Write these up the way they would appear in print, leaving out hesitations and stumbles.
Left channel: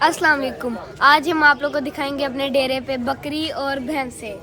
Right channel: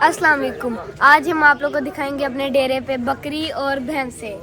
अस्सलाम वालेकुम। आज हम आप लोग को दिखाएंगे अपने डेरे पे बकरी और भैंसे।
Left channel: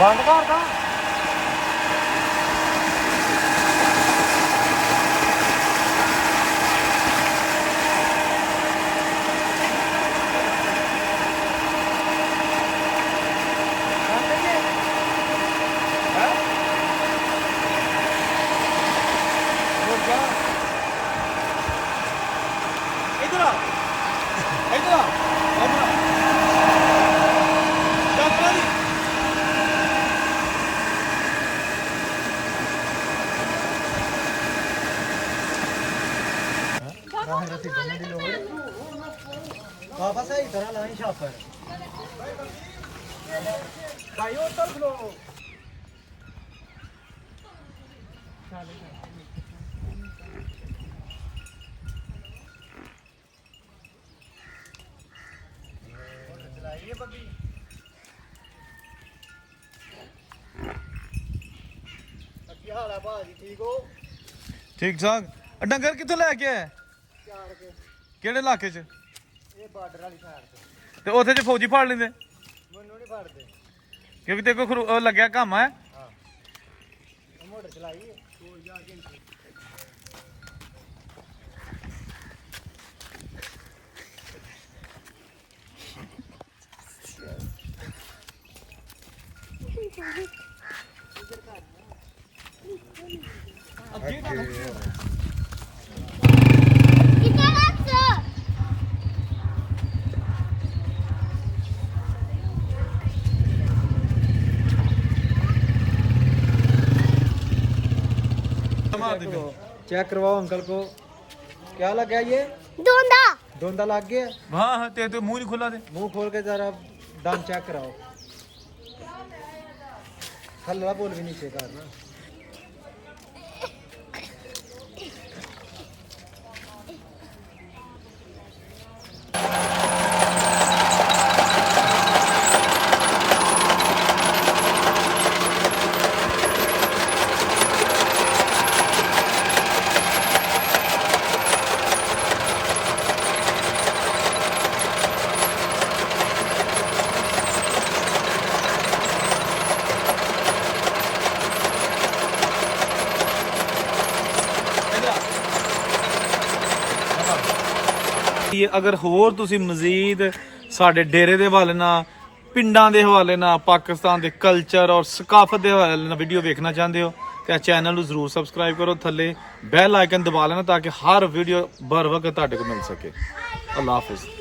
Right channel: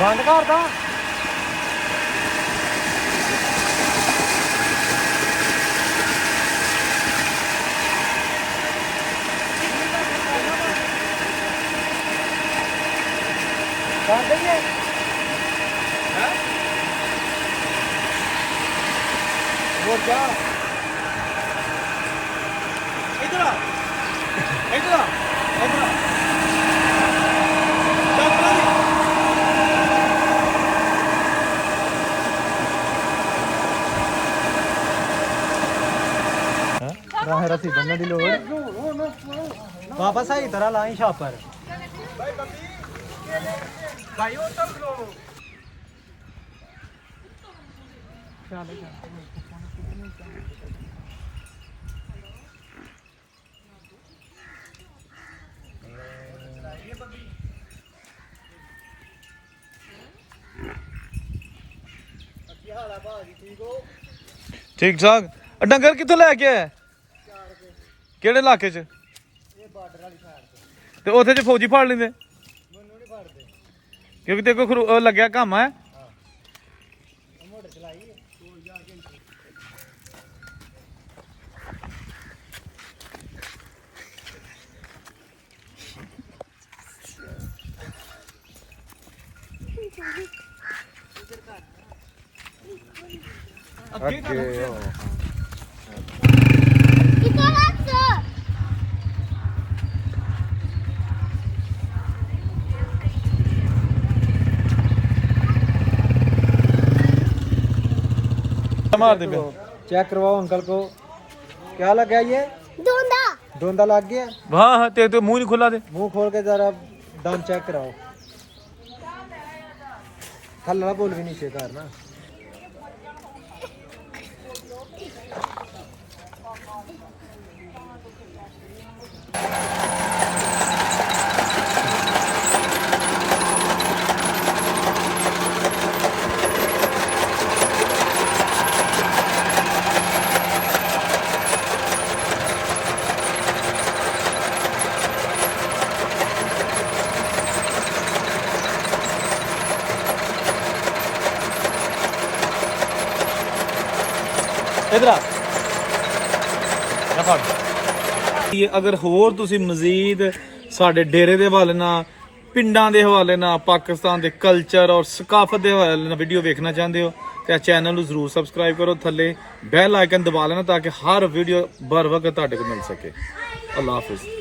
बंद कर दा इधर आ इधर आ इधर आ रसी बनने दी लोड़ वापस आई तरह लाई छापर भाई उतर खलो ठीक ठाक डंगर कितों लैके आया ਕਿਹੜੇ ਇਲਾਕੇ 'ਚ ਇਹ ਬਾਰਡਰ ਵਾਲੀ ਸਾਈਡ ਤੇ ਉੱਥੇ 'ਚ ਫੌਜੀ ਫੜ ਲੈਂਦੇ ਮੈਨੂੰ ਨਹੀਂ ਫੜਦੇ ਕਿਉਂਕਿ ਤੇ ਕੋਈ ਲੱਗਿਆ ਕੰਮ ਹੈ ਹਾਂ ਮੋਟਰ ਚਲਾਈ ਉਹ ਜਾ ਕੇ मार दे चेक करवाओ अंकल को क्या लग गया ये धुंधा धुंधा लग गया हाँ हाँ ते मुंह नहीं खुला दे मुंह खोल के जरा दम चेक कराओ हल्ला बोल भी नीचे करना ਅਗਰ ਹੋਰ ਤੁਸੀਂ ਮਜ਼ੀਦ ਸਾਡੇ ਡੇਰੇ ਦੇ ਹਵਾਲੇ ਨਾਲ ਪਿੰਡਾਂ ਦੇ ਹਵਾਲੇ ਨਾਲ ਪਾਕਿਸਤਾਨ ਦੇ ਕਲਚਰ ਔਰ ਸਕਾਫਤ ਦੇ ਹਵਾਲੇ ਨਾਲ ਵੀਡੀਓ ਵੇਖਣਾ ਚਾਹੁੰਦੇ ਹੋ ਤੇ ਚੈਨਲ ਨੂੰ ਜ਼ਰੂਰ ਸਬਸਕ੍ਰਾਈਬ ਕਰੋ ਥੱਲੇ ਬੈਲ ਆਈਕਨ ਦਬਾ ਲੈਣਾ ਤਾਂ ਕਿ ਹਰ ਵੀਡੀਓ ਬਰ ਵਕਤ ਤੁਹਾਡੇ ਕੋਲ ਮਿਲ ਸਕੇ ਅੱਲਾਹ ਹਾਫਿਜ਼